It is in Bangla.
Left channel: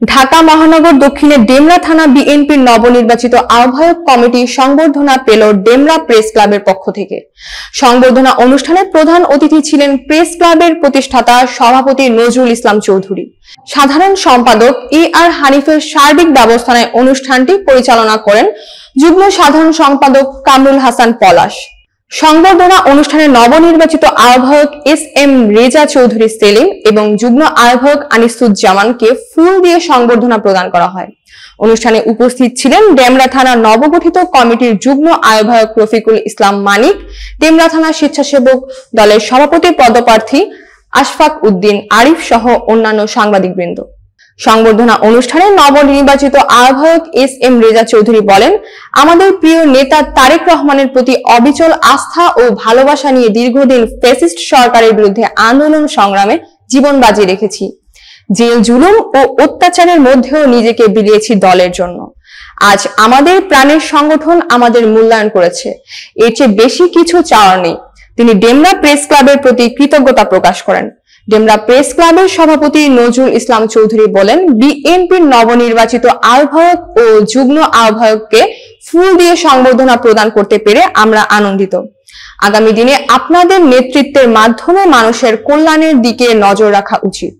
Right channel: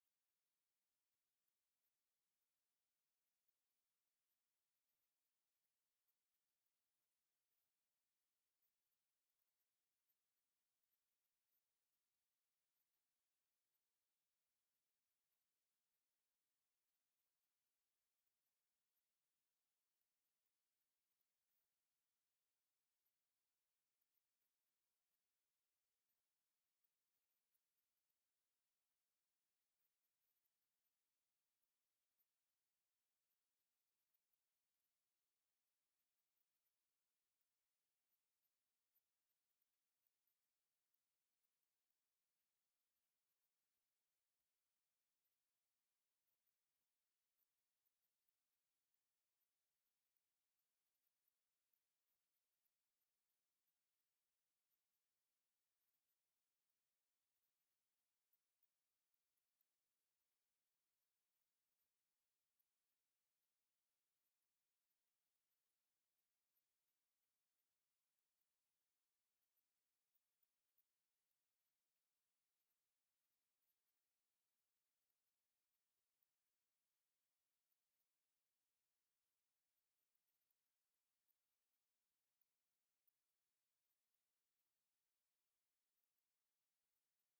ঢাকা মহানগর দক্ষিণের ডেমরা থানা বিএনপির নবনির্বাচিত আহ্বায়ক কমিটি সংবর্ধনা পেল ডেমরা প্রেস ক্লাবের পক্ষ থেকে। সংবর্ধনা অনুষ্ঠানে প্রধান অতিথি ছিলেন প্রেস ক্লাবের প্রতিষ্ঠাতা সভাপতি নজরুল ইসলাম চৌধুরী। সাধারণ সম্পাদক আর হানিফের সার্বিক ব্যবস্থাপনায় অনুষ্ঠানটি পরিচালনা করেন যুগ্ম সাধারণ সম্পাদক কামরুল হাসান পলাশ। সংবর্ধনা অনুষ্ঠানে নবনির্বাচিত আহ্বায়ক এম রেজা চৌধুরী সেলিম এবং যুগ্ম আহ্বায়ক আনিসুজ্জামানকে ফুল দিয়ে সংবর্ধনা প্রদান করা হয়। অনুষ্ঠানে উপস্থিত ছিলেন ডেমরা থানা নবগঠিত কমিটির যুগ্ম আহ্বায়ক রফিকুল ইসলাম মানিক, ডেমরা থানা স্বেচ্ছাসেবক দলের সভাপতি পদপ্রার্থী আশফাক উদ্দিন আরিফ সহ অন্যান্য সাংবাদিকবৃন্দ। সংবর্ধনা অনুষ্ঠানে নবনির্বাচিত আহ্বায়ক এম রেজা চৌধুরী বলেন, আমাদের প্রিয় নেতা তারেক রহমানের প্রতি অবিচল আস্থা ও ভালোবাসা নিয়ে দীর্ঘদিন ফ্যাসিস্ট সরকারের বিরুদ্ধে আন্দোলন সংগ্রামে জীবন বাজি রেখেছি। জেল জুলুম ও অত্যাচারের মধ্যেও নিজেকে বিলিয়েছি দলের জন্য। আজ আমাদের প্রাণের সংগঠন আমাদের মূল্যায়ন করেছে, এর চেয়ে বেশি কিছু চাওয়ার নেই। তিনি ডেমরা প্রেস ক্লাবের প্রতি কৃতজ্ঞতা প্রকাশ করেন। ডেমরা প্রেস ক্লাবের সভাপতি নজরুল ইসলাম চৌধুরী বলেন, বিএনপির নবনির্বাচিত আহ্বায়ক ও যুগ্ম আহ্বায়ককে ফুল দিয়ে সংবর্ধনা প্রদান করতে পেরে আমরা আনন্দিত। আগামী দিনে আপনাদের নেতৃত্বের মাধ্যমে মানুষের কল্যাণের দিকে নজর রাখা উচিত।